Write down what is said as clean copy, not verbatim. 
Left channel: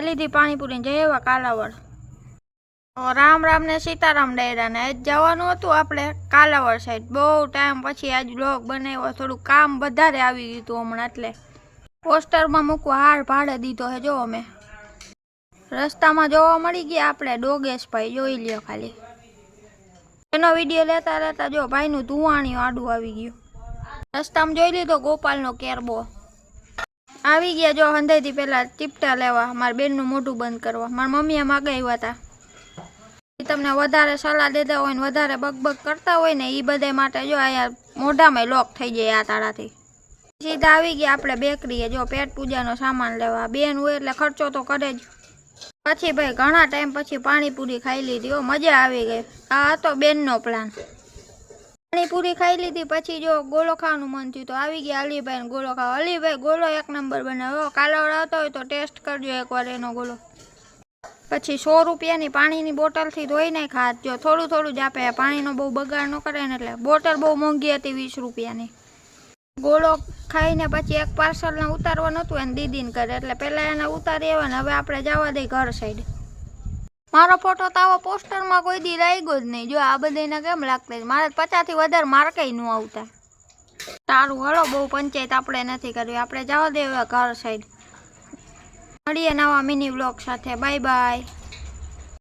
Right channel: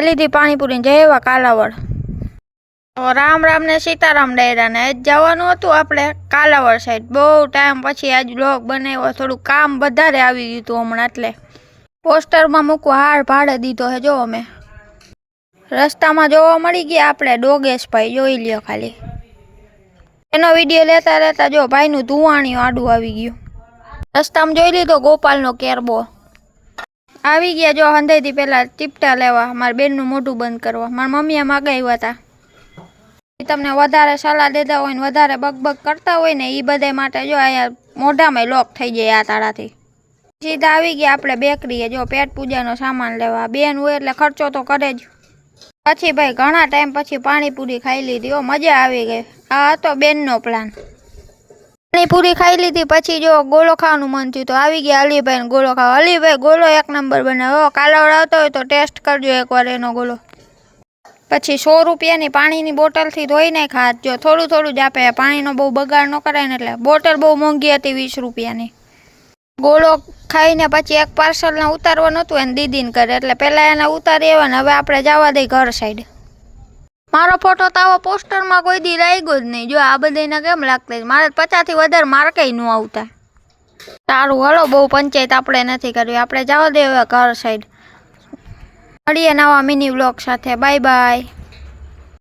ખાઈ લીધી પાણીપુરી જય એવા કાલાવડ। તો રામ રામ ને સીતારામ ડાયરા ને આજ જવાનું હતું આપણે કાલાવડ સાઈડ। બહુ ટાઈમ પછી આજ વ્લોગ બનાવ્યો, થોડું કામ વધારે આવી ગયું હતું હમણાં, એટલે પોસ્ટરમાં મૂકવા હાર ભાડે દીધો છે। જો અમે રસ્તામાં જોવા મળી ગયા આપણે ડોગેશભાઈ, જોઈ લ્યો ખાલી એનો વિડીયો લેતા લેતા જો ભાઈનું ધુવાણિયું આડું આવી ગયું। રસ્તામાં જોઈ લીધો ગોપાલનો કેરબો આવી ગયા। જો હંધેથી પેલા ટીપટા લેવા મારા બેનનું મોઢું બંધ કરવા મારા મમ્મીએ મગાવ્યા હતા। તમને વધારે સલાહ દેતા હોય ને વધારે બકબક કરતા હોય ને એ બધા માટે જો અહીંયા મોઢામાં લોક થઈ જાય આ તાળાથી। સીધા આવી ગયા આપણે બેકરીએ, જો પેટ પૂજાનો સામાન લેવા। બેન હોય એટલે ખર્ચો તો કરે જ। પછી ભાઈ ઘણા ટાઈમ પછી પાણીપુરી ખાઈ લીધી, ઓ મજા આવી ગઈ। આ હતો બેનનો પ્લાન। પાણીપુરી ખાઈ લીધી પછી જો ગોળો ખાવાનું મન થયું તો આવી ગયા અલીભાઈ ગોળો ખાવા। અલીભાઈ ગોળો એક નંબર બનાવ્યો, કાલાવડ આવતો હોય તો ટેસ્ટ કરજો એકવાર એનો ગોળો। પછી 100 રૂપિયાની પાણીની બોટલથી ધોઈ નાખ હાથ, જો થોડું થોડું જ આપે, પાણીનો બહુ બગાડ ન કરાય ને, એટલે બોટલ બહુ મોંઘી હતી 20 રૂપિયાની। ગોળો ખાઈને પછી એક પાર્સલને ઉતારવાનું હતું એને દીદીને કરે, એટલે પહેલાં એને ઉતારી આવ્યા ને હવે આપણે જવા દઈ ઘર સાઈડ। મારો ફોટો તો આવો પોસ્ટરમાં કોઈ દી લાગ્યો જ નહીં, જો આ બધાને કેમ લાગતા મારે 50 થી વધારે માર્કેય ન આવતા। સારું હાલો, બહુ પંચાયત આપણે નથી કરવી, આપણે જવા દે હવે ઘર સાઈડ। મળીએ નવા મિની વ્લોગ સાથે, બાય બાય।